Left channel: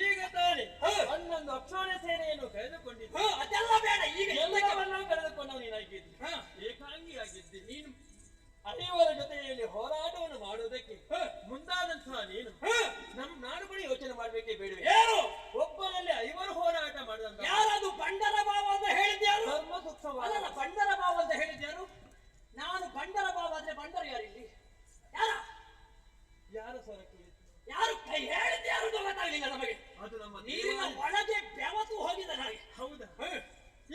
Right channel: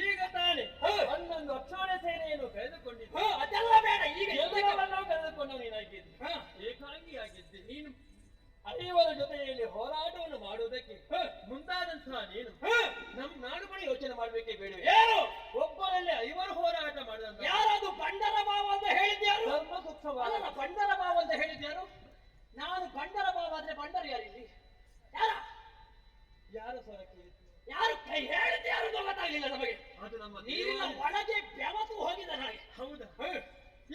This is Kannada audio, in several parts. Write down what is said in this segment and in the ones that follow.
ಈಗ ತಾನೆ ಅನ್ನೊಂದು ಅಕ್ಷೋಣೆ ಸೇನೆಯನ್ನು ಕಳೆದುಕೊಂಡಿದ್ದೆ. ಅದೆಲ್ಲ ಬೇಡ, ಈಗ ಎಲ್ಲವನ್ನೂ ಕಳೆದುಕೊಂಡು ನೀನಾಗಿದ್ದೆ, ಏಕಾಂಗಿಯಾಗಿದ್ದೆ. ನೀನು ಐವರ ಜೊತೆಯಲ್ಲಿ ಹೋರಾಟವನ್ನು ಮಾಡುವುದಕ್ಕೆ ಮುಂದಾದಂತಹ ನೀನು ನಾನು ಕೂಡ ಯೋಚನೆ ಮಾಡ್ಬೇಕೇ ಬೇಡ. ಏನು ಒಬ್ಬರಲ್ಲಿ ಐವರು ಹೋರಾಟ ಮಾಡಿದಂತ ಯಾರದು ಬಂಡರ ಭಾವ ಅಂತ ಹೇಳಿದ್ಯಾರು? ಧರ್ಮ ಸೂಕ್ಷ್ಮವಾದ ಬಂಡರ ಭಾವ ಅಂತ ಹೇಳಿದ್ಯಾರು? ನಾನು ಬಂಡರ ಭಾವ ಅಂದ್ರೆ ಬಂಡರ ಯಾರಿಲ್ಲಿ ಯಾರ ಸ್ವರಕ್ಕೆ ಯಾರು ಕೈ ಹೇಳಿದ್ಯಾರು ಗೊತ್ತಾಗ್ಲಿಲ್ಲ ನಮಗೆ. ಅದು ನಮ್ಮ ನೀರಿನ ಒಳಗೆ ಬೆವತು ಹೋಗಿದೆ ನನಗೆ. ಹೌದಾ?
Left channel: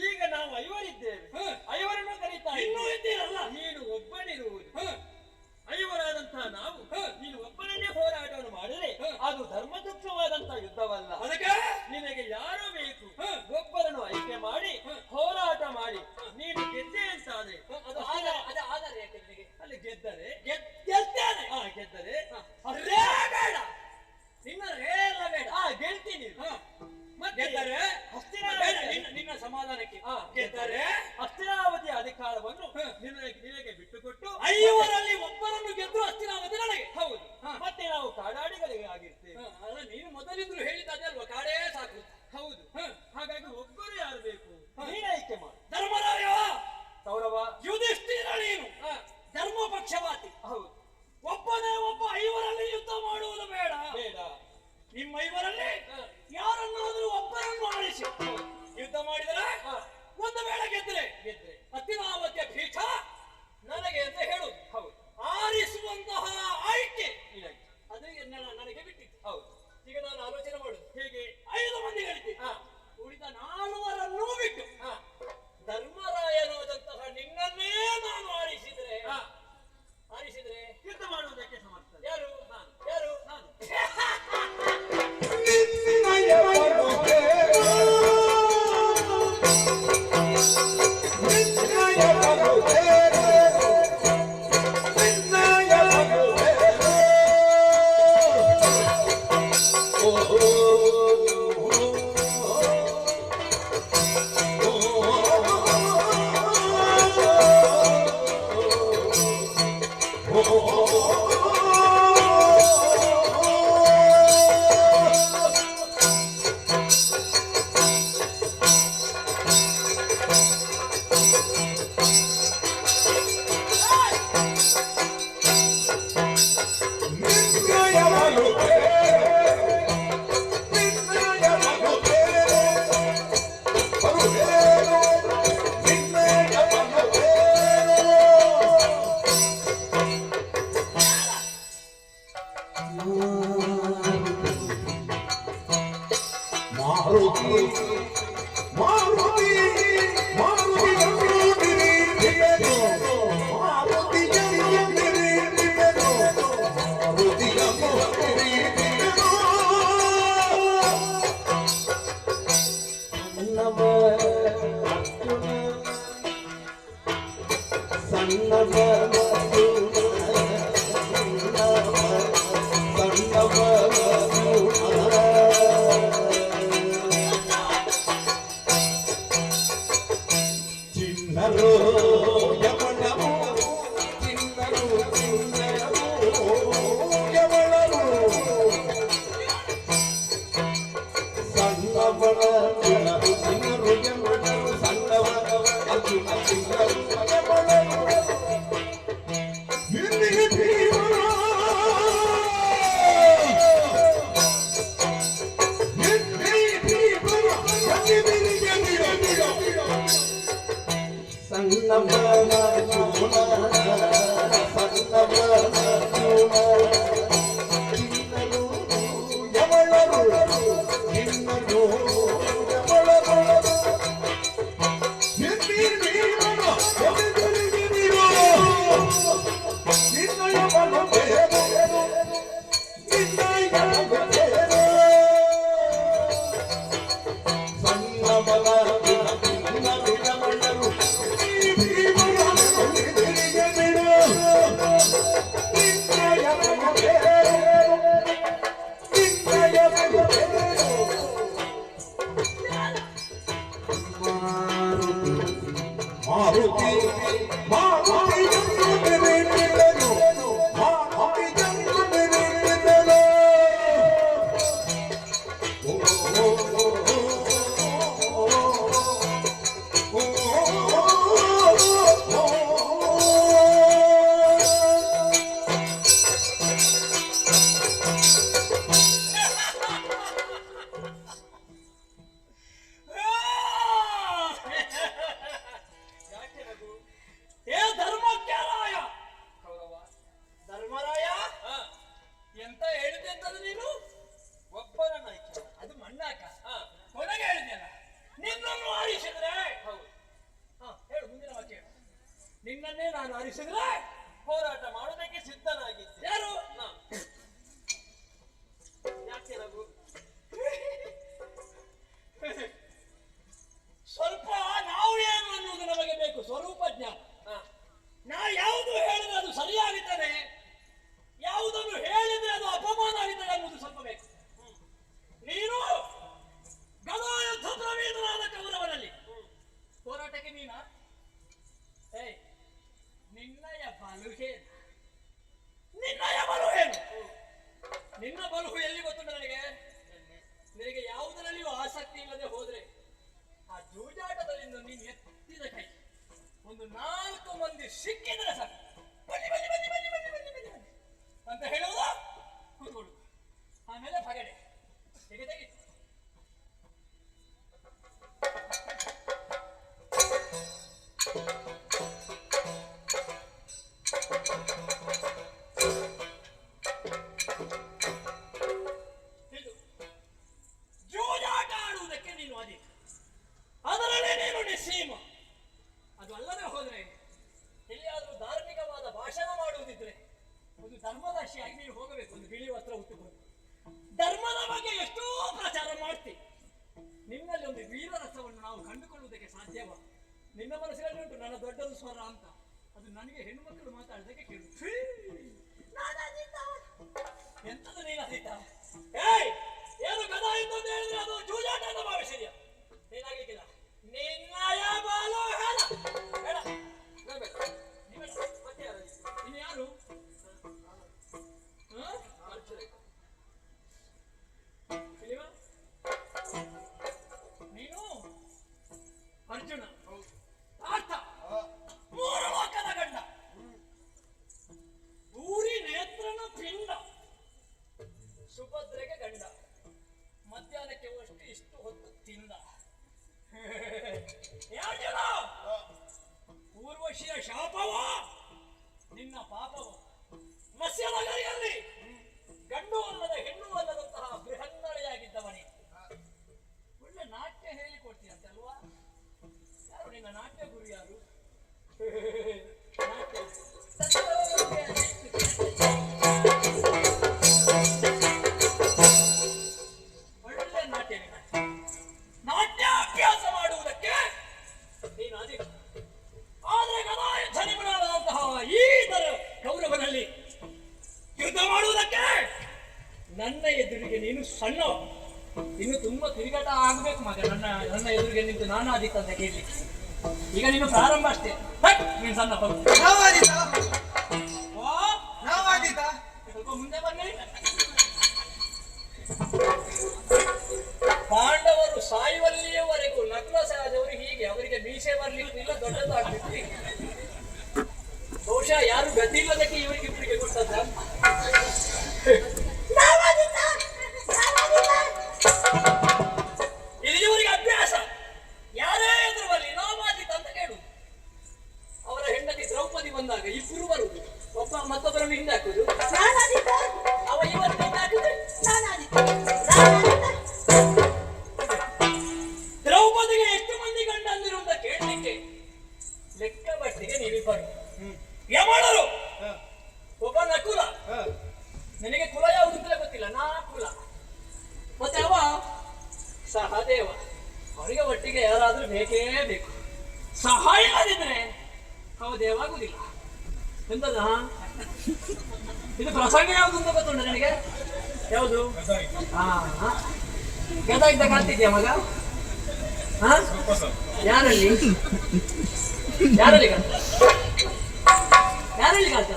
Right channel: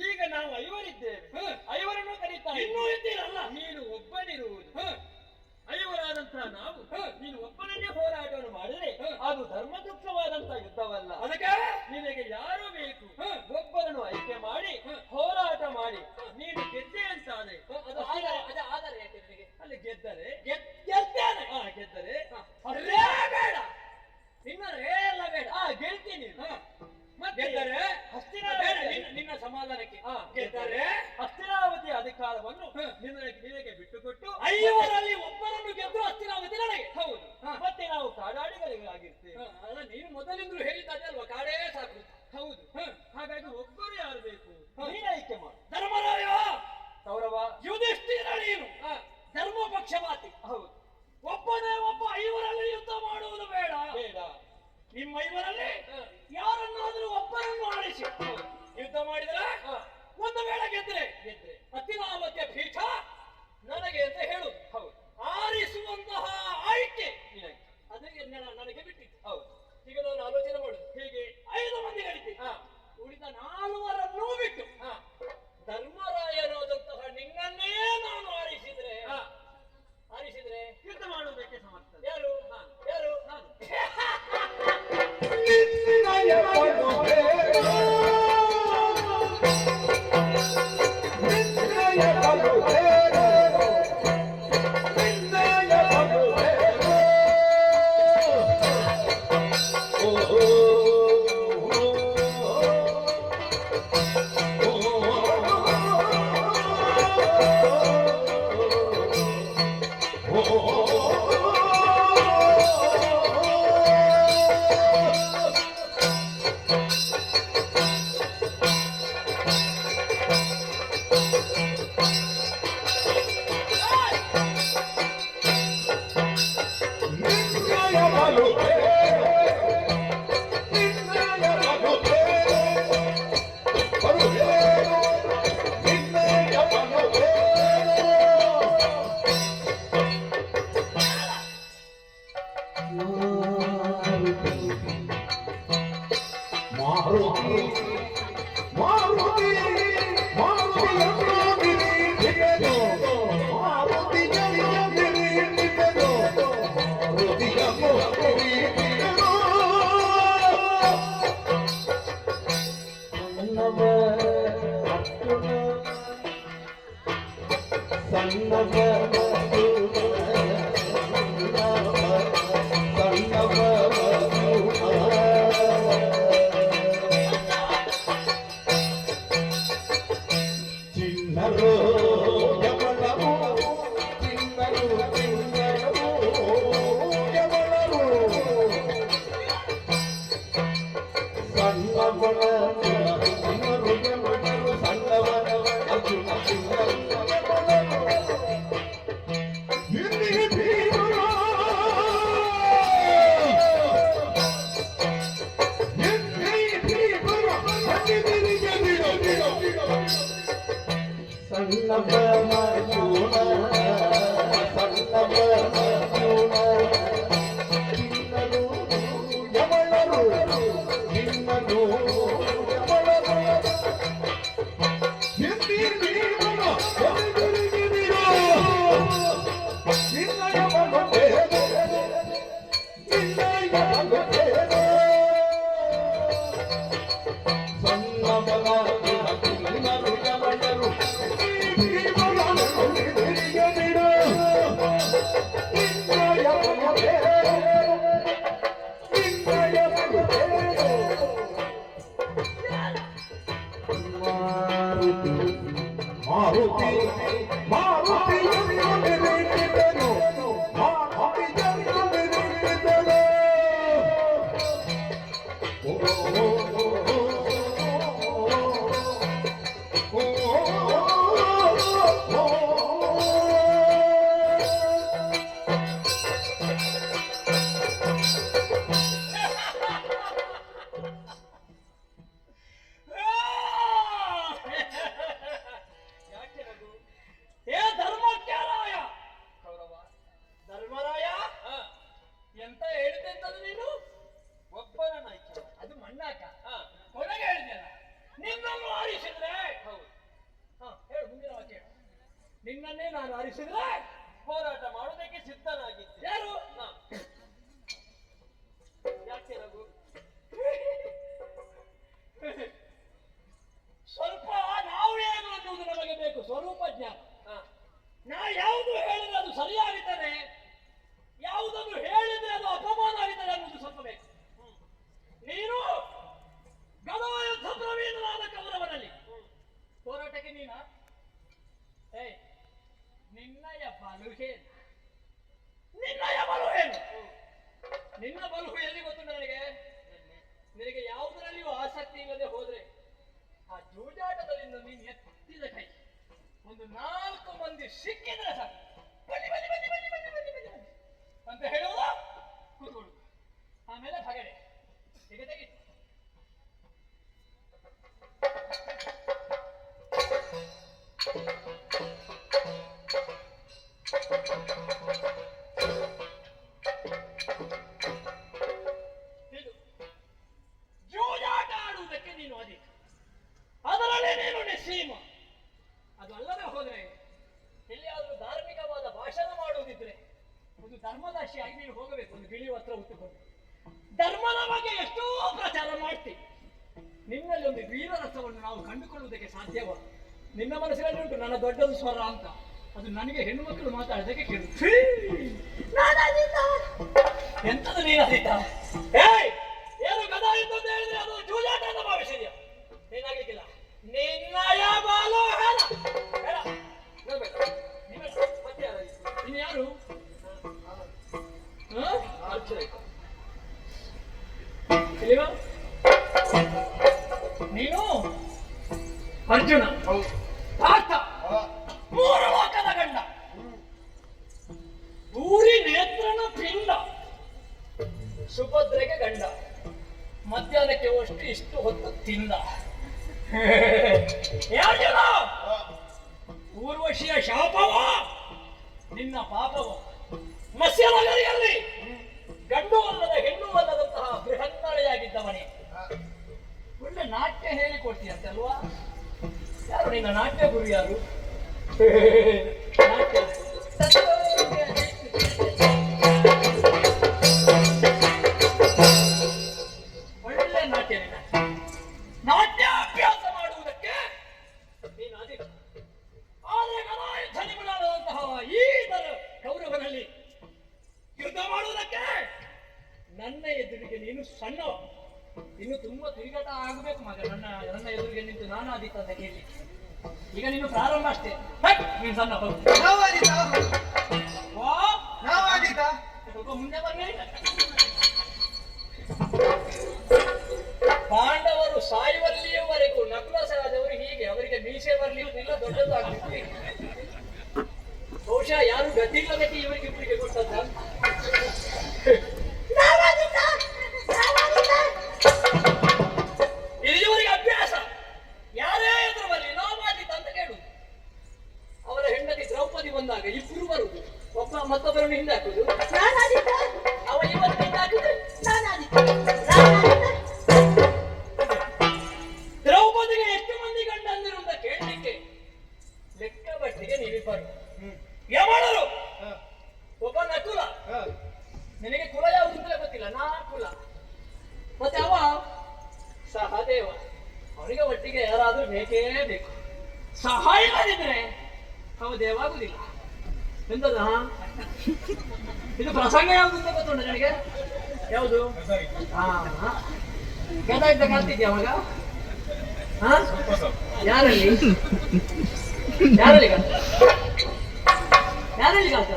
ಈಗ ನಾವು ಐವರಿದ್ದೇವೆ, ಐವರನ್ನು ಕರೀತಾ ಇನ್ನೂ ಇದ್ದೀರಲ್ಲ, ನೀನು ಒಬ್ಬನಿರುವುದು. ಐವರಾದಂತಹ ನಾವು ನೀನು ಒಬ್ಬನನ್ನೇ ಹೋರಾಟವನ್ನು ಮಾಡಿದರೆ ಅದು ಧರ್ಮದುಃಖವಾದಂತಹ ಯುದ್ಧವಲ್ಲ. ಅದಕ್ಕೆ ನಿನಗೆ ಯಾರು ಬೇಕು ಒಬ್ಬರನ್ನು ಆಯ್ಕೆ ಮಾಡಿ ಹೋರಾಟ ಮಾಡಿ ನೀನು ಗೆದ್ದೆ ಅಂತಾನೆ. ಅದು ಆಧಾರ ಯಾಕೆ ನಿನಗೆ? ಅಲ್ಲಿ ಗೆದ್ದರೆ ಗೆದ್ದೇನೆ, ಗೆದ್ದರೆ ಬೇಡ, ಇನ್ನೇಲ್ಲ ಬೇಡ, ಗೆಲ್ತೀನಿ. ಗೆದ್ದರೆ ನಿನ್ನ ಸಮಾಧಾನಕ್ಕೆ ಗೆದ್ದರೆ ಹಸ್ತಿನಾವತಿ ಅಧಿಕಾರವನ್ನು ನಿನಗೆ ಬಿಟ್ಟುಕೊಟ್ಟು ಐವರಲ್ಲಿ ಒಬ್ಬರನ್ನು ಗೆದ್ರು ಹಸ್ತಿನಾವತಿ ನನಗೆ. ಹೌದು, ಮತ್ತೆ ನಾವು ಕಾಡಾಡಿಗಳಿಗೆ ಆಗಿರ್ತೇವೆ. ಅಲ್ಲ, ನೀನು ಮೊದಲಿಂದಲೂ ಹೇಳಿದ್ದೆ ಅಲ್ವಾ, ಕಾಡೇ ಸಾಕು. ಹೌದು, ಹಾಗಾಗಿ ಒಬ್ಬರು ಯಾರು ಬೇಕು ನೀನು ಆಯ್ಕೆ ಮಾಡು. ಧರ್ಮರಾಯ, ಕೌರವ, ಯುಧಿಷ್ಠಿರ, ನೀನು ಧರ್ಮ ಪಕ್ಷಪಾತಿ. ಹೌದು, ಒಬ್ಬನೇ ಒಬ್ಬ ಐವರಲ್ಲಿ ಯುದ್ಧ ಮಾಡುವುದು ಬೇಡ. ಬೇಡ, ನಿಮ್ಮ ಐವರಲ್ಲಿ ಯಾರನ್ನಾದರೂ ಒಬ್ಬರನ್ನು ಆರಿಸಿ ಯುದ್ಧ ಮಾಡಿದರೆ ಒಂದು ವೇಳೆ ಗೆದ್ರೆ ಹಸ್ತಿನಾವತಿಯ ಪೀಠ ನನಗೆ ಅಂತ ಹೇಳು. ಹೌದು, ಆರಿಸುವಂತಹ ಆಯ್ಕೆ ಅದಕ್ಕೆ ನನಗೆ ಬಿಟ್ಟಿತ್ತು. ಹೌದು, ಈಗ ನಾನು ಆಲೋಚನೆ ಮಾಡುದು ಹೇಗೆ, 5 ಮಂದಿಗಳಿದ್ದೆ, ಉಳಿದ 4ರನ್ನೂ ಬಿಟ್ಟು ಧರ್ಮರಾಯನಾದಂತಹ ನಿನ್ನನ್ನೇ ನಾನು ಆರಿಸಿದ್ರೆ ಯುದ್ಧ ಮಾಡುವುದಕ್ಕೆ ಸಮರ್ಥ. ಯಾರು? ಯಾರು? ನಾನು. Oh ನಿನ್ನನ್ನೇ ನಾನು ಆರಿಸಿದ್ರೆ ಹೋರಾಟ ಮಾಡೋದಕ್ಕೆ ಸಿದ್ಧನಾಗಿದ್ದೆ. ಯಾರು? ಯಾಕೆ ನಾವು ಸ್ವಲ್ಪ ನಾವು ಏನು ಅನ್ನೋದು ನಮಗೆ ಬೇಕು, ಸ್ವರೂಪ ಜ್ಞಾನ. ನಾ ಯಾವುದು ಹೇಳಿದ್ರೆ ಅದು ಸರಿಯಾಗುತ್ತದೆ, ಯಾವುದನ್ನು ಹೇಳಿದ್ರೆ ಅದು ಅಪಮಾನ ಆಗುತ್ತದೆ ಅನ್ನೋದು ಸ್ವಲ್ಪ ಬೇಕು. ನೀನು ಗದಾಯುದ್ಧ ಪ್ರವೀಣರಾದ ಕೌರವರಲ್ಲಿ ಹೋರಾಟಕ್ಕೆ ನೀನಾ? ನಿನ್ನಯ ಬಲುಹೇನು, ನಿನ್ನಯ ಬಲುಹೇನು? ನಿನ್ನ ಬಲುಹು ಎಲ್ಲಿ ಗೊತ್ತು ನನಗೆ? ನಿನಗೆ ಯಾವುದರಲ್ಲಿಯೂ ಆಸಕ್ತಿ ಇಲ್ಲದೆ ಹೋದ್ರೆ ಆ ಜೂಜಾಟದಲ್ಲಿ ನೀನು ಎತ್ತಿದ ಕೈ ಒಂದು 4 ಮಂದಿ ಸಿಕ್ಕಿದ್ರೆ ಸಾಕು, ಬನ್ನಿ ಬನ್ನಿ ಬನ್ನಿ ಬನ್ನಿ ಬನ್ನಿ ಬನ್ನಿ ಬನ್ನಿ ಬನ್ನಿ ಅಂತ ಹೇಳುವುದಾ? ಕೂತ್ಕೊಡು. ಆಮೇಲೆ ಭಗಡೆ ಹೀಗೆ ತೆಗಿ. ಜೂಜಾಟ ಆಡುವುದಕ್ಕೆ ನೀನು ಅದೇ, ಅದರಲ್ಲೇ ನೀನು ನಿಸ್ಸೀಮ. ಅದು ಅಲ್ಲದೆ ಹೋದ್ರೆ ಎಲ್ಲಿಯಾದರೂ ಧಾರ್ಮಿಕವಾದ ಭಾಷಣ ಮಾಡುವುದಿದ್ರೆ ಒಂದು ಧರ್ಮದರ್ಶಿಯಾಗಿ ನೀನು ಹೋಗಬೇಕು. ಒಂದು ಬಿಳಿ ವಸ್ತ್ರ ಉಟ್ಟುಕೊಂಡು ಧರ್ಮದ ಬಗ್ಗೆ ಎಷ್ಟೋ ಪ್ರಚಾರ ಮಾಡ್ತಿ. ನಿನ್ನಲ್ಲಿ ಒಂದು ವೀರರಸವನ್ನು ನಾವು ಕಂಡುಕೊಳ್ಳುವುದಕ್ಕೆ ಸಾಧ್ಯವ? ನಿನ್ನ ಮನಸ್ಸಿನಲ್ಲಿ ಉಂಟು ನನ್ನ ದೊಡ್ಡದು ಸ್ವರ ಅಂತ, ಅದು ನನಗೆ ಹೆಣ್ಣು ಮಕ್ಕಳು ಮಾತಾಡೋದಕ್ಕೆ ಕೇಳು. ಎಂತದು ನೀನಾದೀತ? ಏನು ಗದಾ ಇದ್ದು ಅಂತ ಹೇಳಿದ್ರೆ ಅದು ಜೂಜಾಟ ಅಂತ ಭಾವಿಸಿದ್ಯಾ? ನೀನಾಗ್ಲಿಕ್ಕಿಲ್ಲ. ನಿನ್ನಯ ಬಾಲು ಹೇಳ ಹೇಳ ಇನ್ನು ಯಾರು? ನೀನು ಅರ್ಜುನ, ಪಾರ್ಥ, 3 ಲೋಕದ ಗಂಡ, ಊರಿ ನೇತ್ರನ ಪಿಂಡ, ಸುಭದ್ರೆಗೆ ಗಂಡ, ಮಧ್ಯಾಹ್ನಕ್ಕೆ ಅಷ್ಟು ಇಷ್ಟು ಹೊತ್ತು ತಿಂದ. ಅರ್ಜುನ, ಊರ್ವಶಿಯ ಶಾಪವ ನಿನ್ನ ಪಾಪವ. ಮತ್ಸ್ಯ ನಗರಿಯಲ್ಲಿ ಗಂಡು ಅಲ್ಲದ ಹೆಣ್ಣು ಅಲ್ಲದಂತಹ ಬೃಹನ್ನಳೆಯಾಗಿದ್ದವನೇ ಒಳ್ಳೆ ನಾಟ್ಯ ಹೇಳಿಕೊಡ್ತೀಯಂತೆ ಅಲ್ವಾ? ಯಾರು ನಿನ್ನ ನಾಟ್ಯ ಗುರು ಯಾರು? ನಾಟ್ಯ ಒಳ್ಳೆ ನಾಟ್ಯ ನಿನ್ನ. ನಾಟ್ಯಾಭ್ಯಾಸ ಮಾಡುವುದಕ್ಕೆ ನೀನು ಅದೇ. ಆದರೆ ಗದಾಯುದ್ಧ ನಿಪುಣರಾದಂತಹ ಈ ಕೌರವನಲ್ಲಿ ಯುದ್ಧ ಮಾಡುವುದಕ್ಕೆ ನನ್ನ ಎದುರಿಗೆ ನೀನು ಸಣ್ಣ. ಇನ್ನು ತುಂಬಾ ತಿರುಗಾಟ ಆಗ್ಬೇಕು ಮಗ. ನನ್ನ ಎದುರಿಗೆ ನಿಂತು ನಾನು ಆದಿತ್ತ ಅಂತ ಕೇಳಲಿಕ್ಕೆ ಈಗ ನೀನು ಪ್ರಾರಂಭ ಅಷ್ಟೇ. ನೀನು ಸಣ್ಣ ಸ್ವಲ್ಪ ಮುಂದೆ ಬಂದೆ. ಪಾಂಡವರು ಸಾಯುವಲ್ಲಿಯವರೆಗೂ ನಕುಲಸರಾದವರು ಹೀಗೆ ಅವರಿಗೆ ಮೀಸೆ ಬರ್ಲಿಕ್ಕಿಲ್ಲ, ದೊಡ್ಡದಾಗ್ಲಿಕ್ಕೆ ಬಹುಶಃ ಯಾರು ಗತಿ ಇಲ್ಲದಕ್ಕೆ ಇವರಿಗೆ ಇಬ್ಬರಿಗೆ ಕೊಟ್ಟದ್ದ. ಇವರಿಗೆ ಅಭ್ಯಾಸ. ಯಾರೇ ಎದುರು ಬರಲಿ ನಾಮಾದಿತ ಅಂತ ಕೇಳುದು. ಅವರ ಹೆಂಡತಿ ದ್ರೌಪದಿ ಬಂದಾಗ ಇಬ್ಬರು ಬರುವುದು, ಒಬ್ಬ ಮತ್ತೊಬ್ಬರನ್ನು ಹಿಂದೆ ಹಾಕುದು. ಅವ ಇವತ್ತು ಹಿಂದೆ ಹಾಕಿದ್ರೆ ದ್ರೌಪದಿಗೆ ಎಷ್ಟು ಮಂದಿ ಗಂಡ ಅಂದಿರು ಅಂತ ಕೇಳಲಿಕ್ಕೆ ಲೆಕ್ಕ ಬಟ್ಟಿಗೆ ನೀವಿಬ್ಬರು. ಯಮಳರು ಒಬ್ಬ ನಕುಲ, ನಿನಗೆ ಕುಲ ಯಾವುದು ಅಂತ ಗೊತ್ತಿಲ್ಲ, ನಾ ಕುಲ. ಮತ್ತೆ ಅವ ಸಹದೇವ, ಅವನಿಗೆ ಒಟ್ಟಿಗೆ ಯಾರಾದ್ರೂ ಬೇಕೇ ಬೇಕು. ಸಹಾಯ ಇಲ್ಲದಿದ್ರೆ ಅವ ದೇವಾಗುದಿಲ್ಲ. ಎಂತದ ಇದು ಪ್ರಸಂಗ ಯಾವುದು ಅಂತ ಗೊತ್ತುಂಟ ನನಗೆ? ಯಾವುದು? ಗದ ಇದ್ದ ಕಲ್ತಿದ್ಯಾ ಮಗ? ಯಾರಲ್ಲಿ ಯಾರಲ್ಲಿ ಕಲ್ತ? ಯಾರಲ್ಲಿ ಕಲ್ತ?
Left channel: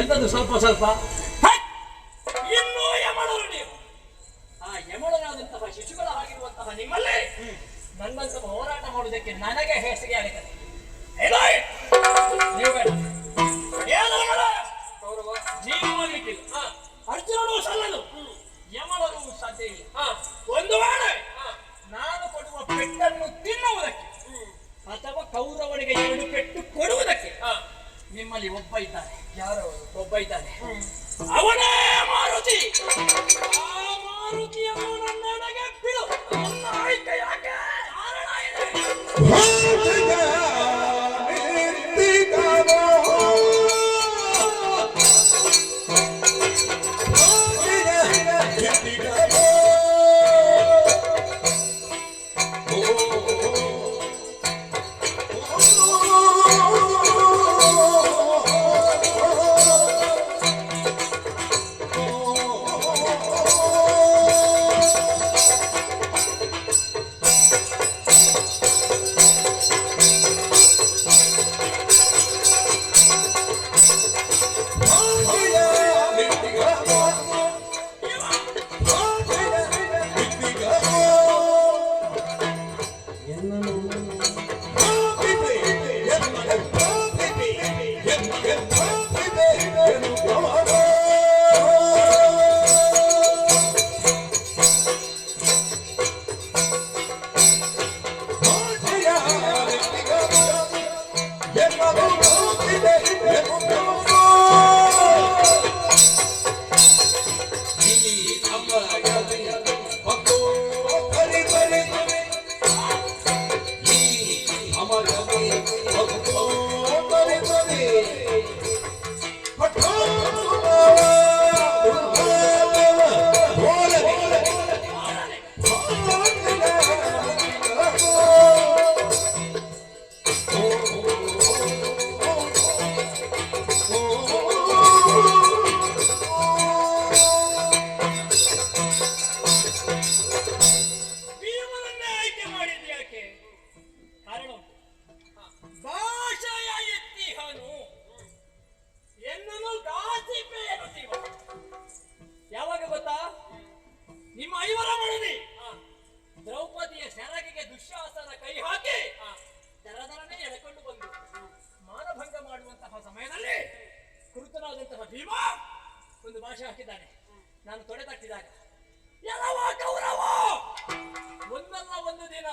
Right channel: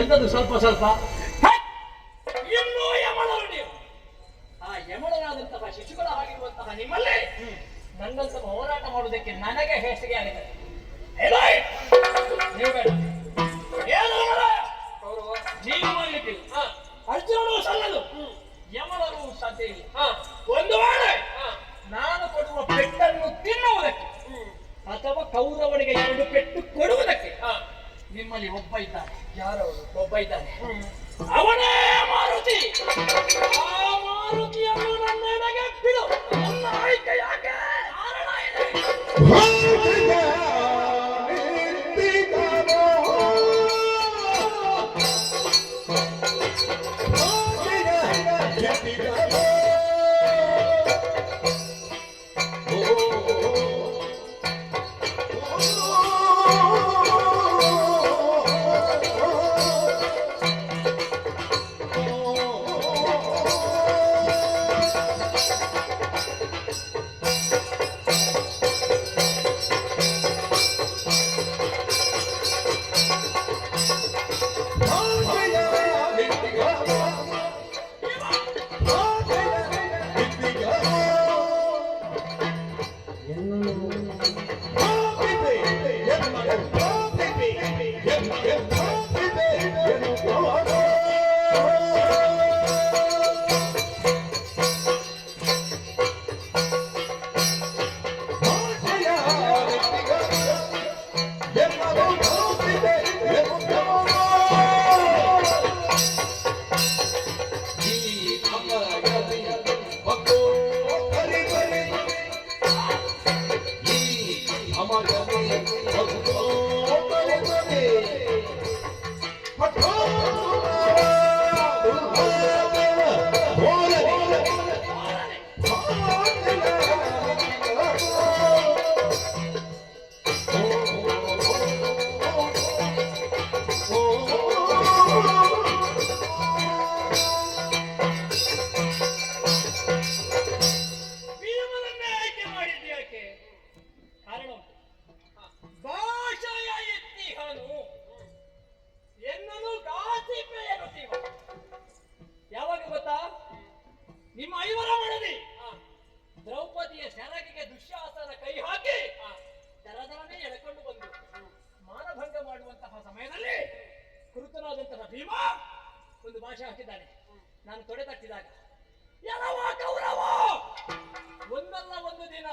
ಎಂತದ್ದು ಸ್ವಲ್ಪ ಸ್ವಲ್ಪ? ಇನ್ನೂ ಯಮಳರು ನೀವು. ಆ ಯಮಳರಾದಂತಹ ಶಿಶುಗಳ ಆಗಿರುವಂತಹ ನಿಮ್ಮಲ್ಲಿ ನನ್ನಂತಹ ಹೋರಾಟ ಮಾಡುವುದಕ್ಕೆ ನನಗೆ ಹೇಸಿಗೆ ಆಗಿದೆ. ನೀವು ಬೇಡ, ನೀನು ಮಾಡ್ಲಿಕ್ಕಿಲ್ಲ. ಅರ್ಜುನನು ಸಲ್ಲದು, ಯಮಳರು ಸಾಧ್ಯ ಇಲ್ಲ. ಒಂದು ವೇಳೆ ನಾನು ಕೊಡುವ ಪೆಟ್ಟನ್ನು ತಿನ್ನುವುದಕ್ಕೆ ಅಥವಾ ಕೌರವನಿಗೆ 2 ಪೆಟ್ಟು ಕೊಡುವುದಕ್ಕೆ ನಿಮ್ಮಲ್ಲಿ ಒಬ್ಬ ಇದ್ದಾನೆ. ಯಾರೋ ಒಬ್ಬ ಇದ್ದಾನೆ, ಅವನೇ ಮಾರುತಿ. ಆ ಮಾರುತಿಯನ್ನು ನನ್ನೆಡೆಗೆ ಬಿಡು. ನನ್ನ ಆಯ್ಕೆ ಯಾಕೆ? ಕಾರಣ ಇದೆ. ನಾನು ತೊಡೆ ತಟ್ಟಿದಾಗ ಯಾವ ಕೌರವ ಒಂದಲ್ಲ ಒಂದು ದಿನ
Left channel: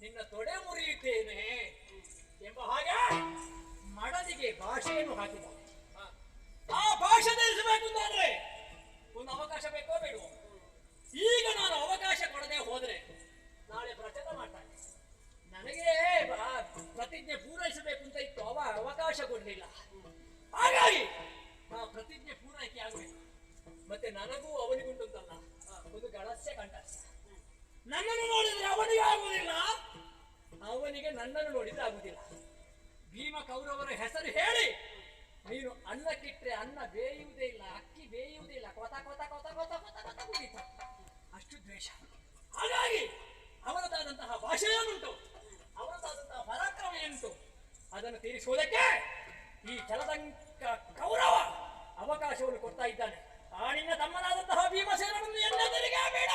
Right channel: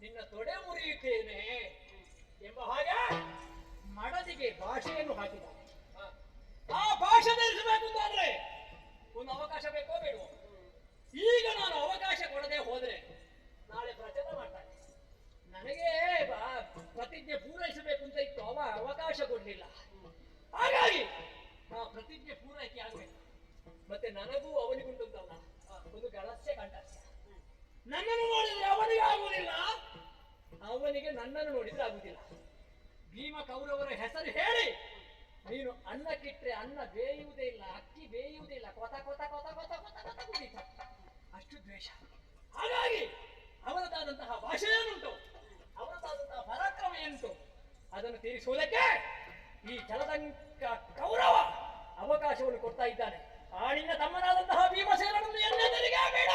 ನಿನ್ನ ತೊಡೆ ಮುರಿಯುತ್ತೇನೆ ಎಂಬ ಹಾಗೆ ಮಡದಿಗೆ ಭಾಷೆಯನ್ನು ಹಾಕಿದ. ಆ ಭಾಷೆ ತಿಳಿಸಬೇಕು ಅಂತಾದ್ರೆ ನನಗೂ ಅವನಿಗುಂಟುಂಟಲ್ಲ ಒಂದು ಗಳಸ್ಯ ಕಂಠಸ್ಯ. ನನ್ನನ್ನು ನೋಡಿದ್ರೆ ಅವನಿಗೆ ಆಗುವುದಿಲ್ಲ, ಅವನಿಗೆ ನನ್ನನ್ನು ನೋಡಿದ್ರೆ ಆಗುವುದಿಲ್ಲ. ಭೀಮ ಕೌರವರ ಹೆಸರು ಹೇಳಿ ನೀನು ಅನ್ನಕ್ಕಿಟ್ರೆ ಅನ್ನ ಬೇಯುವುದೇ ಇಲ್ಲ, ಅಕ್ಕಿ ಬೇಯುವುದೇ ಇಲ್ಲ, ಕೊತ ಕೊತ ಕೊತ ಕೊತ ಕೊತ ಕೊತ ಕುಡಿತ. ಅಷ್ಟು ದ್ವೇಷ. ಹಾಗಾಗಿ ಅವರದಾದಂತಹ ಭಾಷೆ ಏನುಂಟು, ಅವರದಾದಂತಹ ಪರಾಕ್ರಮ ಏನುಂಟು, ಅದನ್ನು ತೀರಿಸುವುದಕ್ಕೆ ಈ ಜಲದಂಕ ಕೌರವ ಅವಕಾಶವನ್ನು ಕೊಡ್ತಾ ಇದ್ದಾನೆ. ಆ ನಿನ್ನ ತಮ್ಮನಾದಂತಹ ಭೀಮಸೇನನನ್ನು ಎನ್ನೆದರಿಗೆ ಬೇಡ.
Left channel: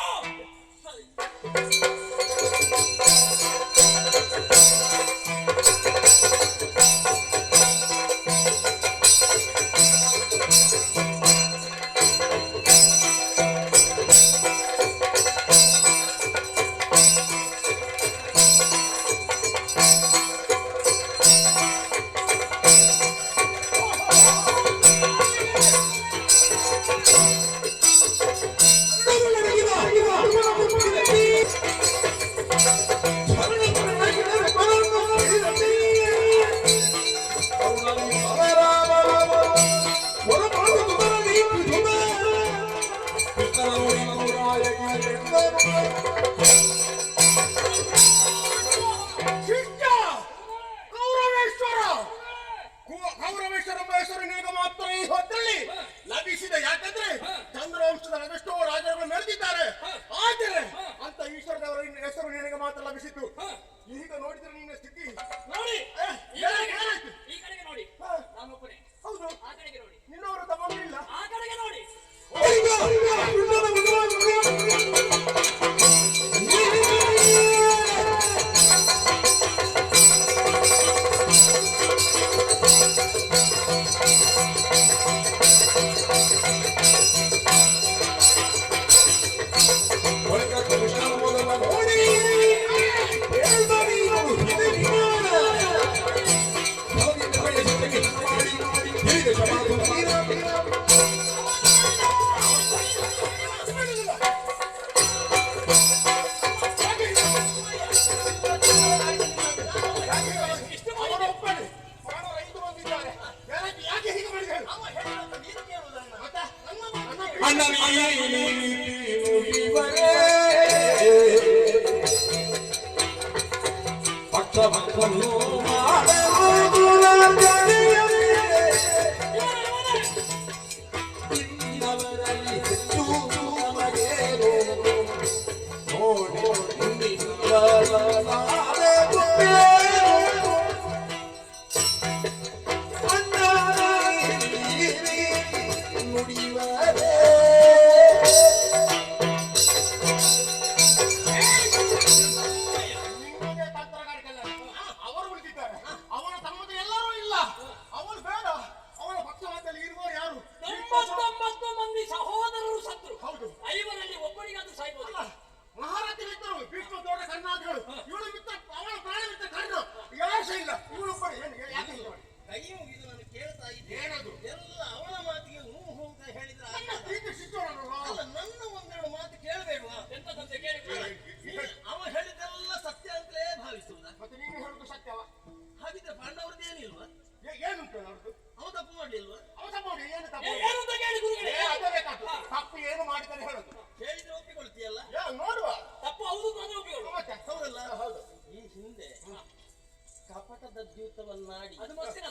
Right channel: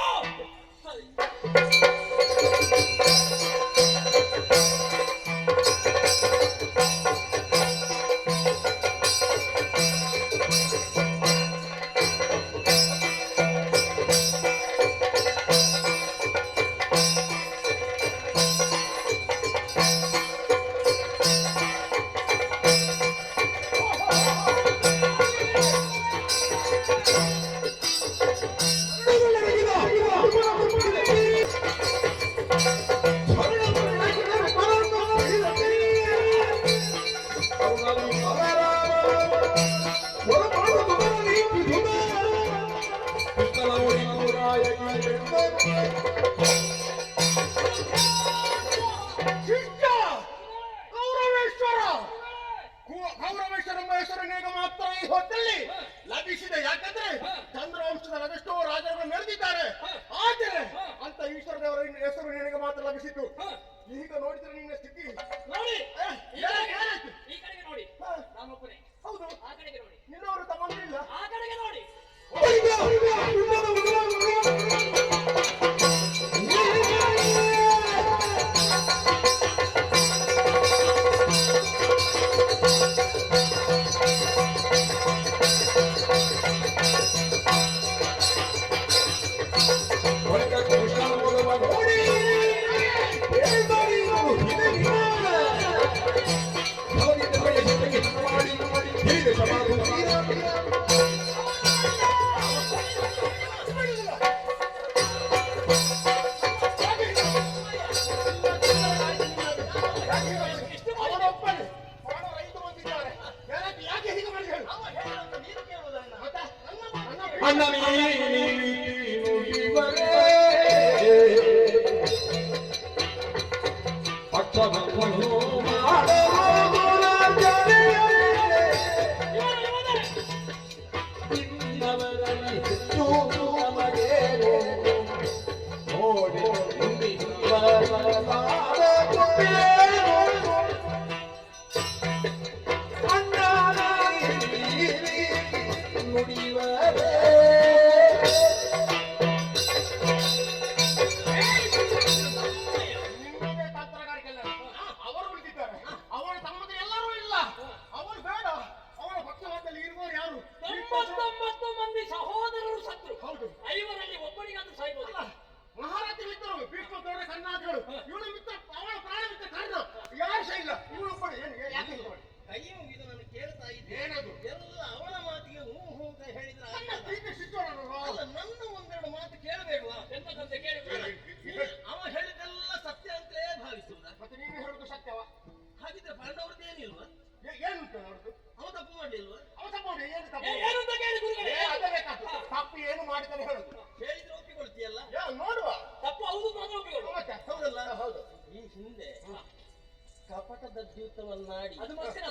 ಕಪಟದದ್ಯೂತವನ್ನಾಡಿ ಅದು ಮತ್ತೆ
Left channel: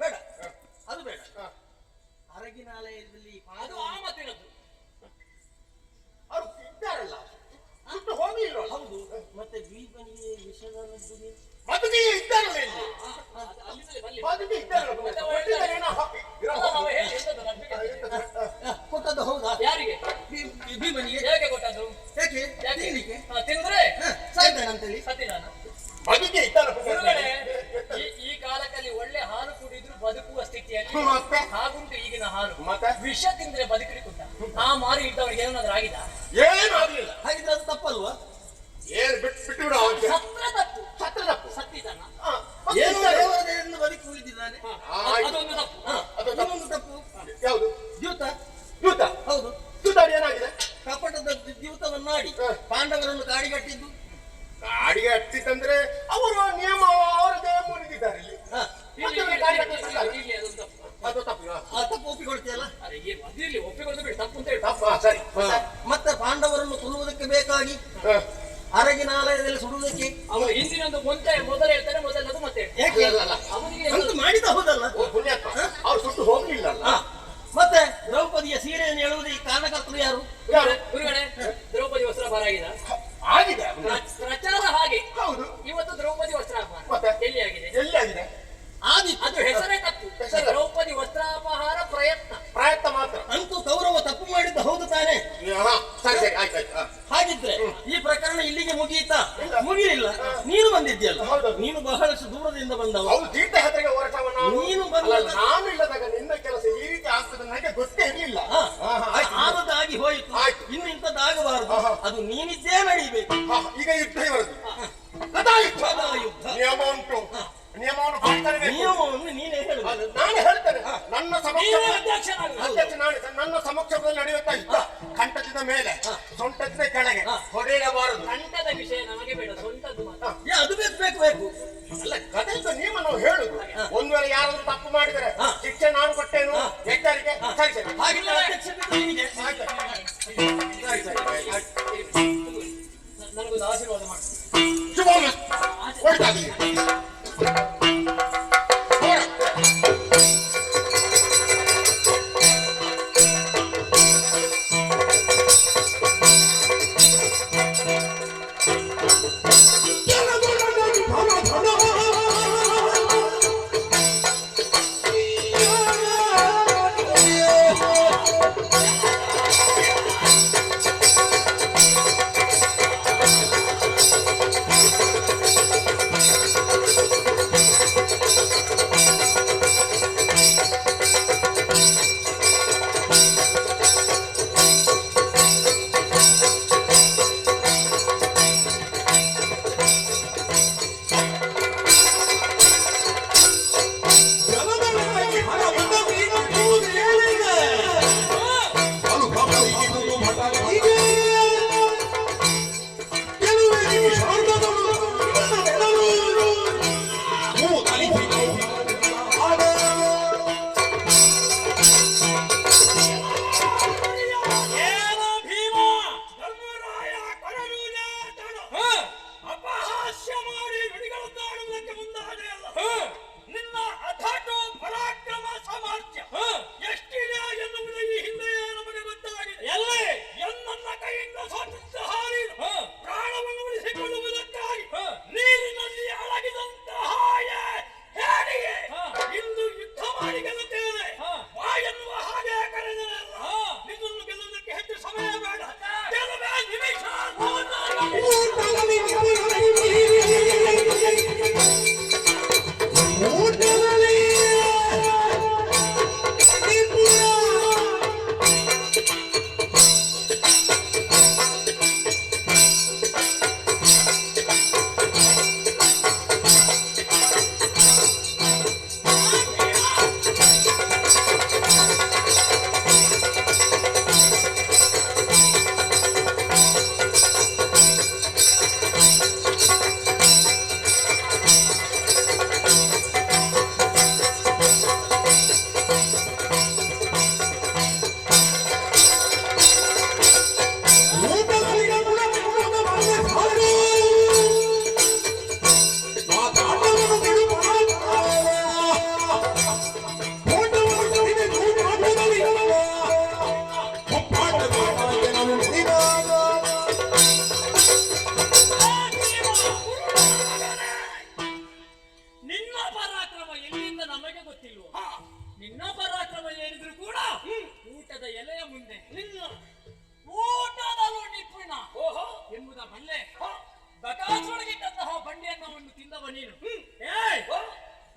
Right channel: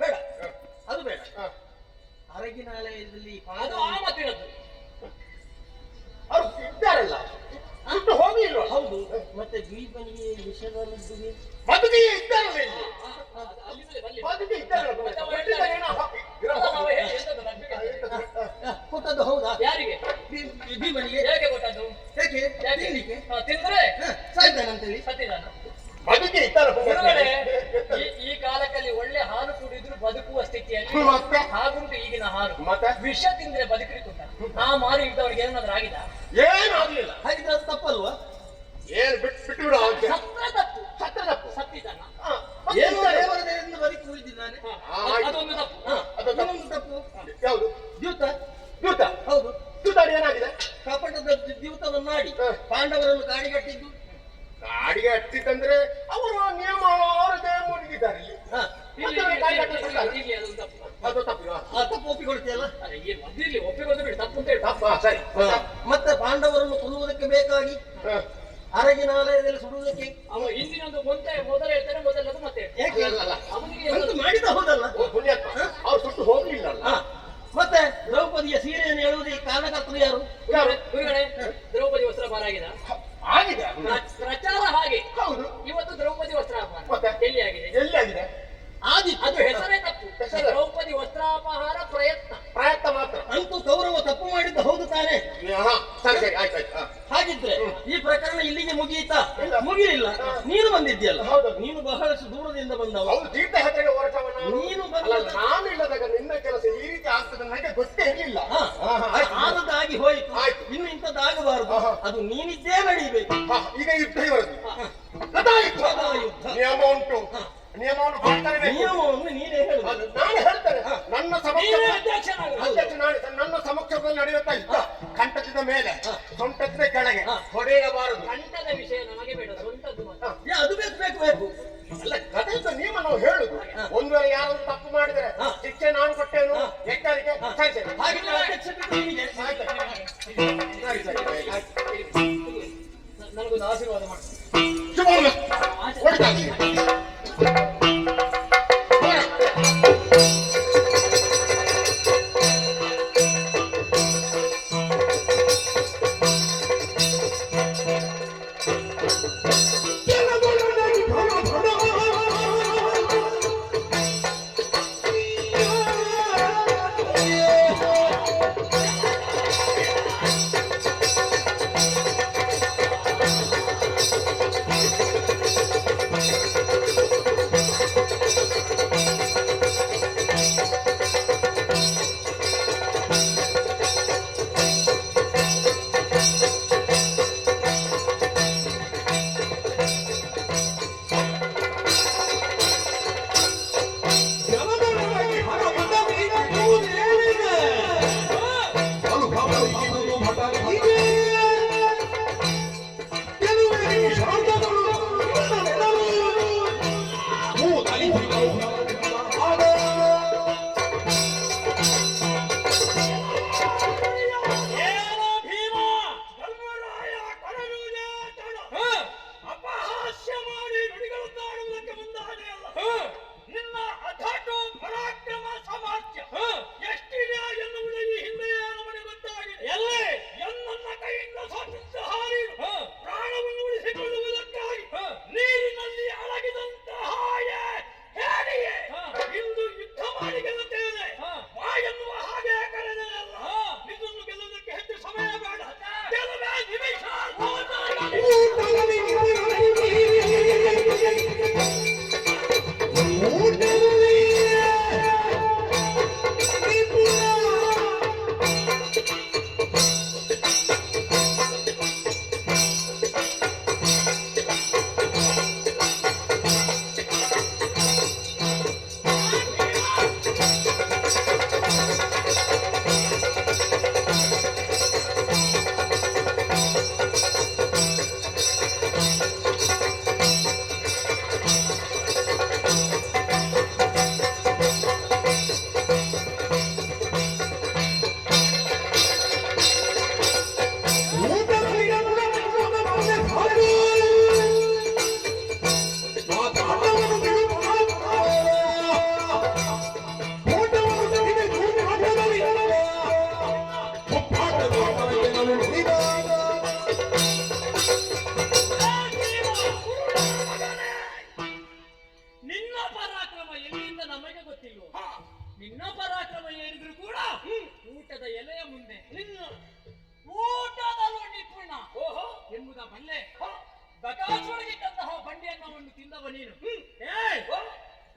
ಬೇಡ, ಅದು ಬೇಡ. ಅರಗಿನಾಲಯದಲ್ಲಿ ಅದು ಆ ಮತ್ತಿನದ್ದು ಅವ್ರು ಇದ್ದಾರಲ್ಲ, ಬಿಟ್ಟು ಹೋಗಿ ಇಲ್ವಾ? ಹೌದು. ಮತ್ತೆ ದ್ವೀಪನಿಗೆ ವಿಷದಲ್ಲಿದ್ದು ಬದುಕಿ ಇದ್ದಾರಲ್ಲ ಇಲ್ಲಿ, ಬದುಕಿ ಇದ್ದಾರಲ್ಲ, ಕೊಟ್ಟದ್ದು ಹೌದಾ? ಯಾರಿಗೆ? ಭೀಮನಿಗೆ. ಹೇಗೆ ಕೊಟ್ಟದ್ದು? ಹೇಗೆ? ತಿನ್ಲಿಕ್ಕೆ ತಿಂದ್ರೆ ಸಾಯ್ತಾನಂತೇಳಿ ಸತ್ತಿದಾನ. ಬದುಕಿ ಇದ್ದಾರೆ ಗುರುಗಳೇ, ಈ ಕಾಲದಲ್ಲಿ ಒಳ್ಳೆ ಹಾಲು ಕುಡಿದ್ರು ಬದುಕುವ ಸ್ಥಿತಿಯಲ್ಲಿ ಹಾಗುಂಟು ಈಗಿನ ಹಾಲು. ಮತ್ತೆ ವಿಷ ತಿಂದ್ರೆ ಬದುಕಲಿಕ್ಕೆ ಉಂಟ. ಆ ಮಾರಿ ಇದ್ದವರಿಗೆ ಏನಾದ್ರೂ ಆಗಿದ? ಏನು ಆಗ್ಲಿಲ್ಲ. ಹಾಗಿದ್ರೆ ಅದು ತಪ್ಪಲ್ವಾ? ಏನು ಬಿಟ್ಟು ಬಿಡು. ಸತ್ರ ತಪ್ಪು, ಸತ್ರ ತಪ್ಪು. ಸತ್ತಿದ್ದಾನ ಏನು ದೇವರನ್ನು ಬದುಕಿ ಹೋಗಿದ್ದಾನೆ, ಅದೊಂದು ತಪ್ಪು. ಇನ್ನೊಂದು ತಪ್ಪು ಯಾವುದು? ದ್ಯೂತ. ದ್ಯೂತ ಹೌದು. ದ್ಯೂತ ಏನಾಗಿದೆ? ಕಪಟದ ದ್ಯೂತವನ್ನಾಡಿ ಪಾಂಡವರನ್ನು ಕಾಡಿಗಟ್ಟಿದ್ದು. ಕಾಡಿಗೆ ಹತ್ತಿತ್ತಂದ್ರೆ ಅವರು ನಿಯಮ ಅವರದೇ ಮುರಿದಿದ್ದಾರೆ. ಇಲ್ಲಿ ಅದೊಂದು ತಪ್ಪು. ಅದು ತಪ್ಪು ತಪ್ಪು ಒಪ್ಪಿಕೊಳ್ತೀಯಲ್ಲ. ಅದಿರ್ಲಿ, ಒಪ್ಪಿಕೊಂಡು ಬಿಡಿ, ತಪ್ಪು ಅಂತ ಹೇಳಿ. ತಪ್ಪು, ಸರಿ. ಮತ್ತೆ ಪಾಂಡವರನ್ನು ಕೊಲ್ಲುವುದಕ್ಕೆ ಬೇಕಾಗಿ ಅರಗಿನಾಲಯದಲ್ಲಿ ಸುಡುವುದಕ್ಕೆ ಅವನು ಹಿಂದಿನೊಂದು ಮೊದಲು ಹೇಳ್ತಾನೆ, ಮೊದಲದು ಮತ್ತೆ ಅವನಿಗೆ ಅಂತೂ ಮಾಡಿದ ಹೌದಲ್ಲ, ಪುಣ್ಯಾತ್ಮ. ಅವ್ರು ಸುಟ್ಟು ಹೋಗ್ಲಿಲ್ಲ. ಮತ್ತೆ ದ್ರೌಪದಿಯ ಸೀರೆಯನ್ನು ಹೇಳುವುದು ಈ ಕಾರಣಕರ್ತರು ಯಾರು? ಗುರುಗಳೇ, ದ್ರೌಪದಿ ವಸ್ತ್ರಾಪಹಾರ ಆಗಿದೆ. ಪ್ರಚಾರ ಹಾಗೆ. ಹೌದು. ಇವತ್ತು ದ್ರೌಪದಿ ವಸ್ತ್ರಾಪಹಾರ ಮತ್ತೆ ಎಲ್ಲಿ ಆಗಿದೆ? ಎಲ್ಲಿ ಆಗಿದೆ? ಅದು ಹೆಸರೇ ತಪ್ಪು. ದ್ರೌಪದಿ ವಸ್ತ್ರಾಪಹಾರ ಪ್ರಯತ್ನ ಮಾತ್ರ. ಅಂತೂ ಕೌರವ ತಪ್ಪು ಮಾಡಿದ್ದು ಹೌದು ತಾನೆ? ಸರಿ ಸರಿ, ಆಯ್ತಾಯ್ತು. ಹಾಗಿದ್ರೆ ಈ ಪ್ರಕರಣ ಇಲ್ಲಿಗೆ ಮುಗಿಯಿತಾ? ಮುಗಿಲಿಲ್ಲ. ನೀನು ಬಂದಿದ್ಯಲ್ಲ, ನೀನು ಬಹಳಷ್ಟು ದೂರದಿಂದ ಬಂದವ. ಹೌದು, ತೀರ್ಥ ಯಾತ್ರೆಗೆ ಹೊರಟವನು ನೀನು ಬಂದ. ನಾನು ಇಲ್ಲದಾಗ ನಿನ್ನ ಕೆಲಸ ಈ ರೀತಿ ಆಗ್ತದೆ ನನಗೆ ಗೊತ್ತೇ ಇರಲಿಲ್ಲ. ಆದದ್ದಾಗಿ ಹೋಯಿತು, ಇನ್ನು ಇಂಥದ್ದಾಗಬಾರದು. ಅದು ನೀನಿದ್ದೇ ನಡೀಬೇಕು. ಈಗ ಯುದ್ಧ ಇವರದು. ಯುದ್ಧ ನಿಯಮ ಉಂಟು, ನಿಯಮವನ್ನು ನೀನೇ ಹೇಳು. ನಾನು ಹೇಳ್ತೇನೆ. ನನ್ನ ನನ್ನ ಸಮಕ್ಷಮದಲ್ಲಿ ನಡೆಯುತ್ತಾ ಯುದ್ಧ. ಕಂಠದ ಮೇಲೆ, ಸೊಂಟದ ಕೆಳಗೆ ಹೊಡೆಯಬಾರದು. ಕಂಠದ ವಿಷಯ ನಮಗೆ ಬೇಡ, ಸೊಂಟದ್ದು ಅದು ಬೇಕು. ಅಲ್ಲ, ಕಥೆಯಿಂದ ನೀವು ನಾವು ಹೇಳುದು. ಒಂದು ವೇಳೆ ಯಾರಾದ್ರೂ ತಪ್ಪು ಮಾಡಿದರೆ ಶಿಕ್ಷೆ ನಾನು ಕೊಟ್ಟೇನು, ಎಚ್ಚರಿಕೆ. ಸರಿ ಸರಿ, ನನಗೊಂದು ಆಶೀರ್ವಾದ ಮಾಡಿ. ಶುಭ ಹೊರಟಾಗಲಿ.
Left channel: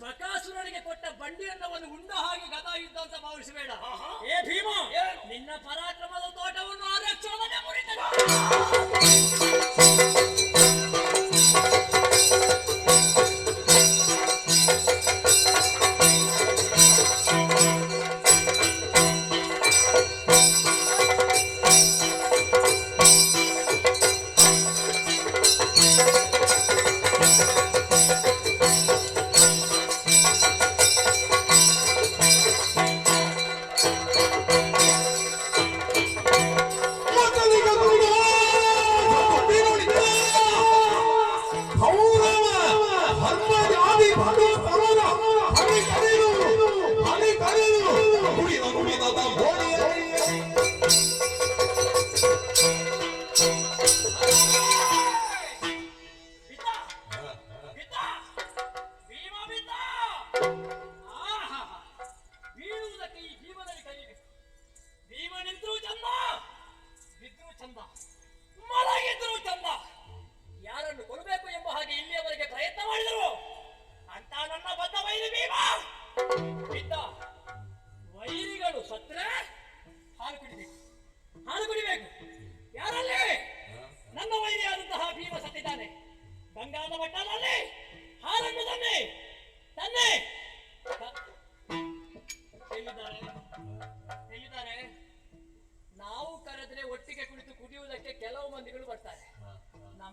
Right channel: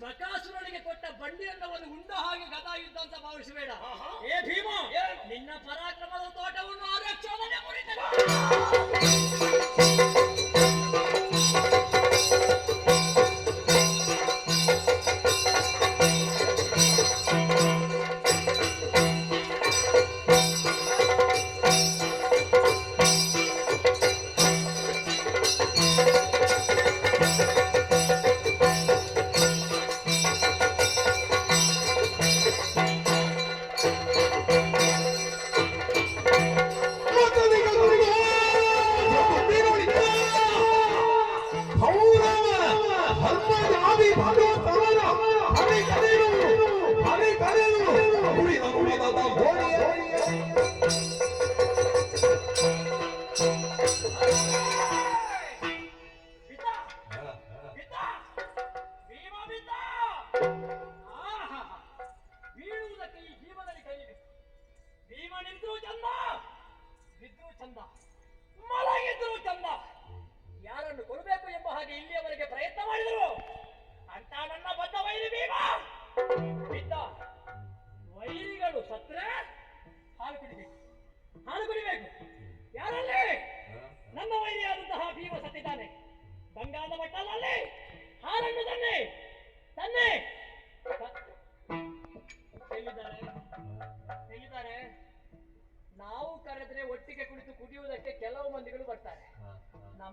ಬಕಾಸುರನಿಗೆ ಕೊಟ್ಟ ಬಂಡಿಯನ್ನವನ್ನು ಉಂಡ ಹಾಗೆ ಗದಾ ಯುದ್ಧ ಅಂತ ಭಾವಿಸಬೇಡ. ಏ ಭೀಮ, ನಿನ್ನ ಪರಾಕ್ರಮದ ತೋಟವನ್ನು ಆರಕ್ಷಣೆ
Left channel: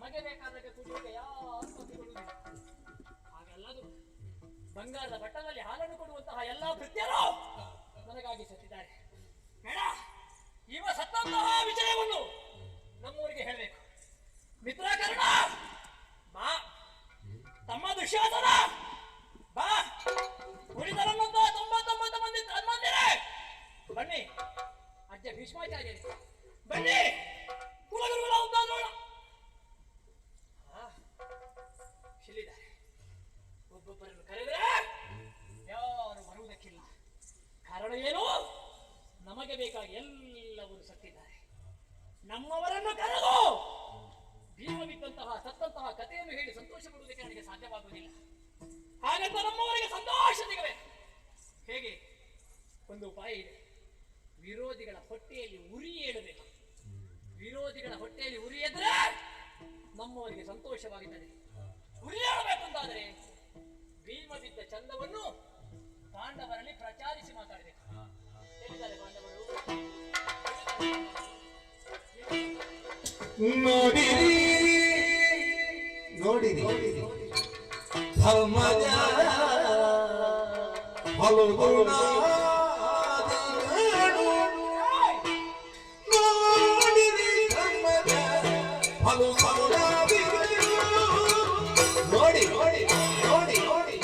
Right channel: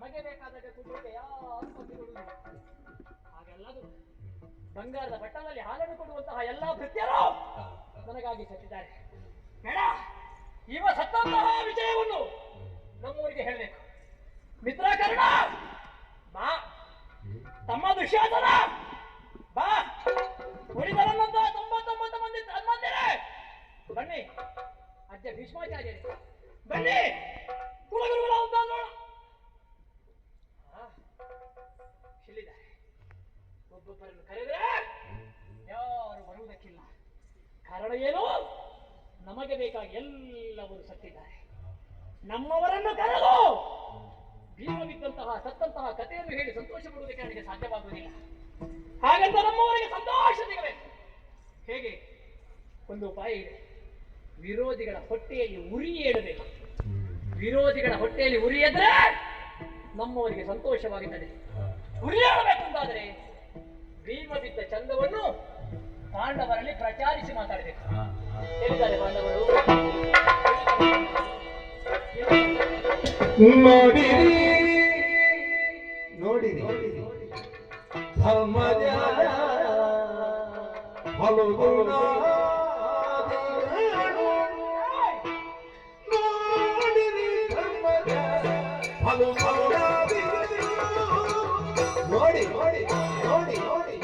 ನಮಗೆ ಬೇಕಾದಾಗ ಕುಡಿಯೋಕೆ ಯಾರು ಕೊಡುವುದಿಲ್ಲ. ಹಾಗೆಲ್ಲದು ಬಂಗಾರದ ಬಟ್ಟಲಲ್ಲಿ ಹಾಲನ್ನು ಕೊಡುವಂತಹ ಎಲ್ಲಾ ಭೃತ್ಯರು ನನಗಾಗಿ ಸತ್ತಿದ್ದಾರೆ. ಬೇಡ, ಇವ ಸತ್ತಂತಹ ವಿಷಯವನ್ನು ನಮ್ಮೂರಿಗೆ ಹೇಳಬೇಕು. ಮಿತ್ರಕರ್ಣ ಬಾ, ತಮ್ಮ ದುಶ್ಯಾಸನ ಬಾ, ಉಳಿದರನ್ನಂತಹ 99 ಮಂದಿ ತಮ್ಮಂದಿರೇ ಬನ್ನಿ, ಅಜ್ಜ ಭೀಷ್ಮಾಚಾರ್ಯರೇ ಬನ್ನಿ, ಕುಲಗುರುಗಳ ಉದ್ದಾನ ಶಿಲ್ಲಿದ್ದಾರೆ. ಒಬ್ಬೊಬ್ಬರನ್ನು ಕರೆದರೆ ಯಾರು ಬರುವುದಕ್ಕಿಲ್ಲ. ಕಾರಣ ಏನು? ನಮಗೆ ಬೇಕಾಗಿ ಎಲ್ಲವರು ಸತ್ತಿದ್ದಾರೆ. ನಮ್ಮವರನ್ನು ಕರೆದು ಭೀಮ ಬಿದ್ದಂತಹ ಸತ್ತಂತಹ ಕಥೆಯನ್ನು ಹೇಳಿ ಸಂತೋಷ ಪಡುವುದಕ್ಕೆ ನನಗೆ ಸಾಧ್ಯವಾಗುವುದಿಲ್ಲ. ಹಾಗಂತ ನಮ್ಮವರಿಗೆ ಸಂತೋಷ ಸಿಗಬೇಕು. ಹೇಗೆ? ಒಂದು ಉಪಾಯ ಇದೆ. ವಿರೋಧಿಗಳ ಹೊಟ್ಟೆಯಲ್ಲಿ ಉರಿ ಏಳಬೇಕು. ವಿರೋಧಿಗಳ ಹೊಟ್ಟೆಯಲ್ಲಿ ಉರಿ ಎದ್ರೆ ನಮ್ಮವರಿಗೆ ಸಂತೋಷವಾಗುತ್ತದೆ. ಉರಿ ಏಳಬೇಕು ಅಂತಾದರೆ ಭೀಮ ಬಿದ್ದ ಚಂದವನ್ನು ಪಾಂಡವರಲ್ಲಿ ಪ್ರಚಾರಿಸಿ ಮಾತಾಡಬೇಕು. ಹೇಳಿದ್ದಾರೆ ಪಾಂಡವರು. ನೋಡಿರಿ ನೋಡಿರಿ ಧರ್ಮದ ಹಲುಗುಣ ನೋಡಿರಿ ಧರ್ಮದ ಹಲುಗುಣ ನೋಡಿ ನೋಡಿ ನೋಡಿ ನೋಡಿ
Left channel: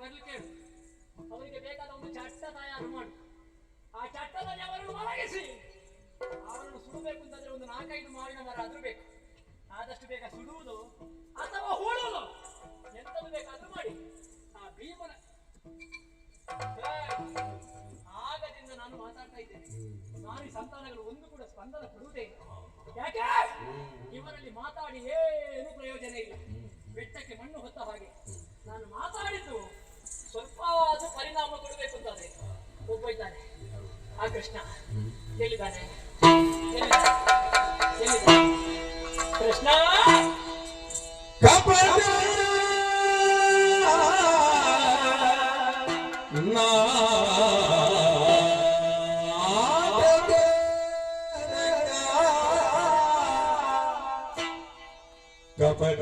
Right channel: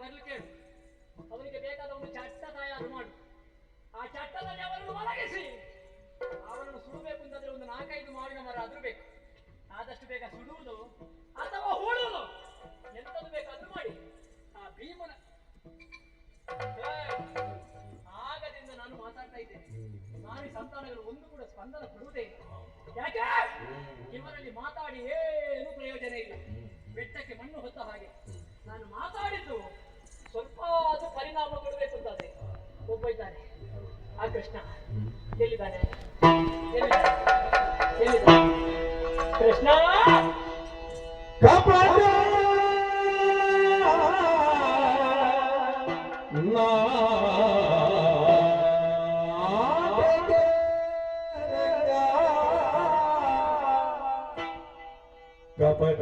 ಬರ್ಲಿಕ್ಕೆ ಹೇಳು. ಅವರಿಗೆ ಬೇಕಾದ ಒಂದು ಚಟ್ಟ ತಯಾರು ಮಾಡಿ ಆ ಚಟ್ಟದಲ್ಲಿ ಅವರನ್ನು ಮಲಗಿಸಿ ಅವರನ್ನು ಸುಡಬೇಕು ಅಂತಂದ್ರೆ ಒಂದು 4-5 ಮಾವಿನ ಮರ ಆದ್ರೂ ಬೇಕು. ಆದಷ್ಟು ಬೇಗ ಸುಡುವುದು ಅಥವಾ ಹೂಳುವುದು ಎಂತದ್ದು ಬೇಕಾದ್ರೂ ಮಾಡಿ ಆ ಭೀಮನ ಆಗದಿಂದ ನಾನು ಮಾತಾಡ್ತಾ ಇದ್ದೇನೆ. ನಾರಿ ಸಂತಾನಗಳು ಒಂದು ಕೂಡ ಸ್ಪಂದನ ಕೊಡುವುದೇ ಇಲ್ಲ. ಯಾಕೆ? ಇವರಲ್ಲಿ ಮಾತಾಡಿ ಏನು ಪ್ರಯೋಜನ ಇಲ್ಲ. ಬೆಟ್ಟಕ್ಕೆ ಮಣ್ಣು ಹೊತ್ತ ಹಾಗೆ ನಾನು ಮಾತಾಡಿದ್ದು ಸ್ವಲ್ಪ ಅದು ಪರಿಣಾಮ ಕೊಡಬೇಕು ಅಂತಾದ್ರೆ ಒಬ್ಬ ಇದ್ದಾನೆ ಆ ಕೃಷ್ಣ. ಎಲ್ಲಿದ್ದಾನೆ? ಕೃಷ್ಣ ಕಪಟ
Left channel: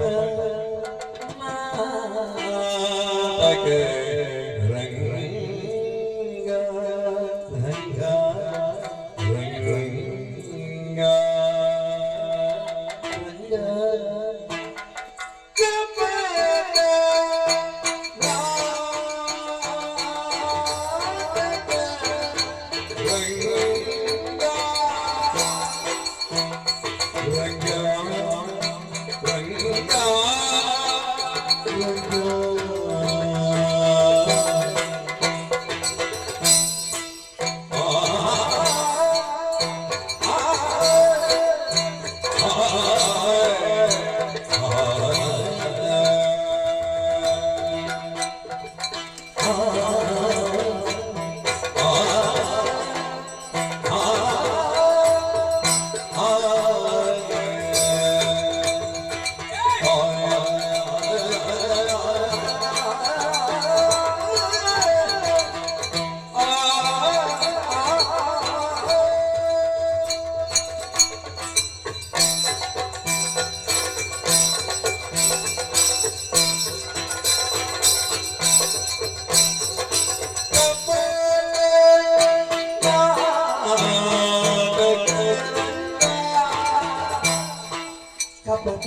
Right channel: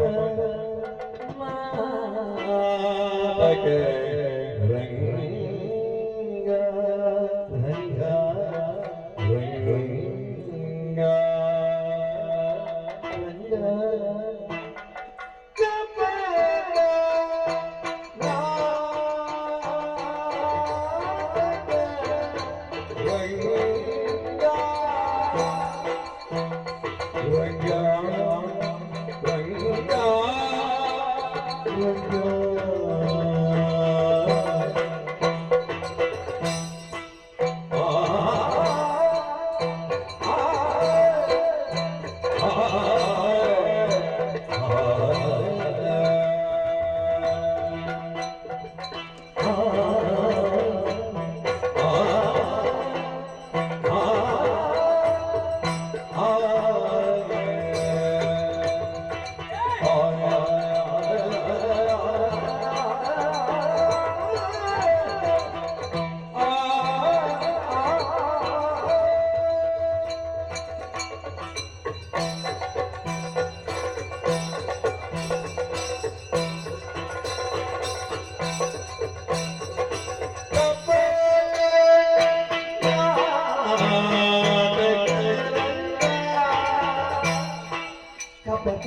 ನಾಟಕ ರಂಗ ರಂಗ ರಂಗ ಕಪಟ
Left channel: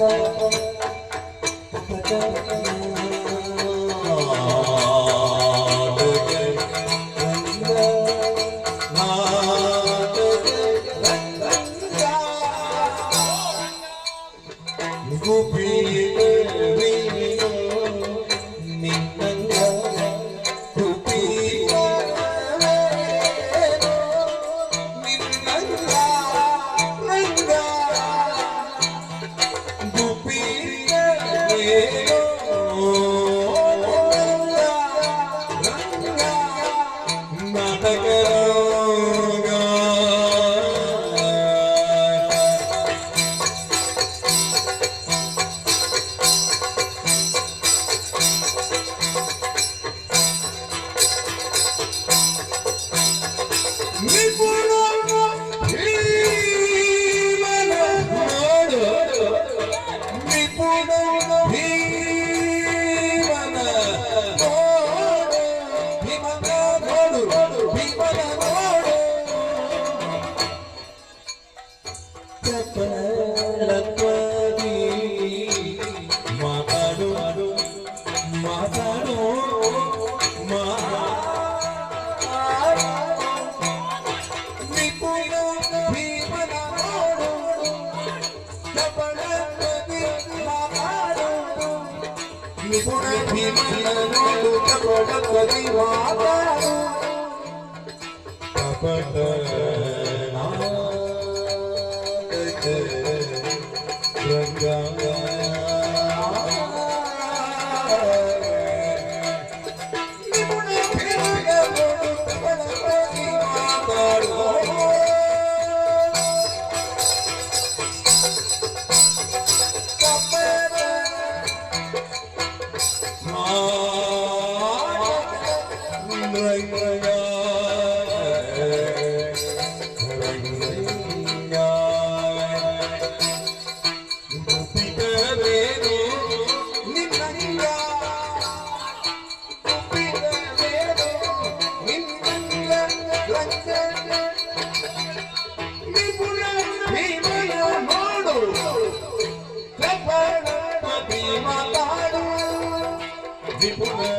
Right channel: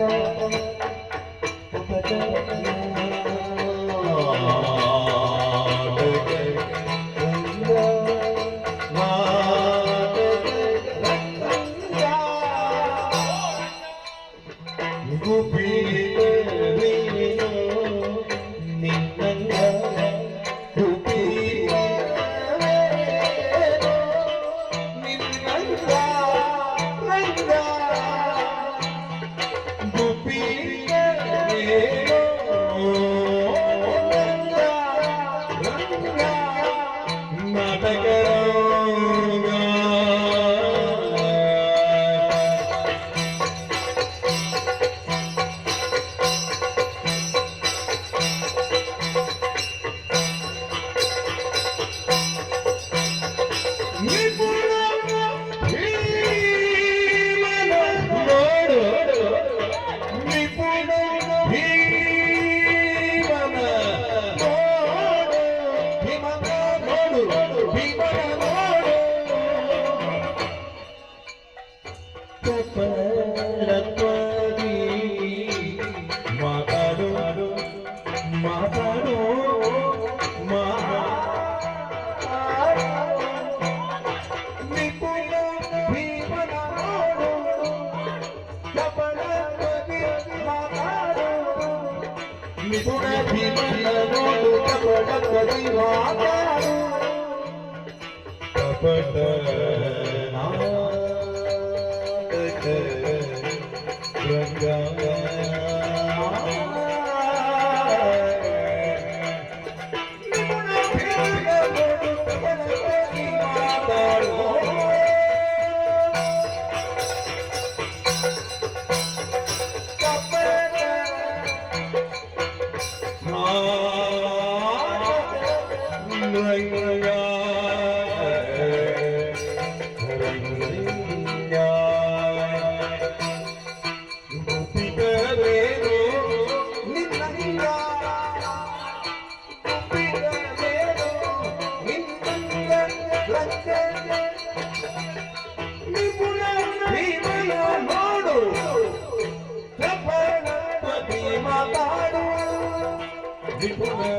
People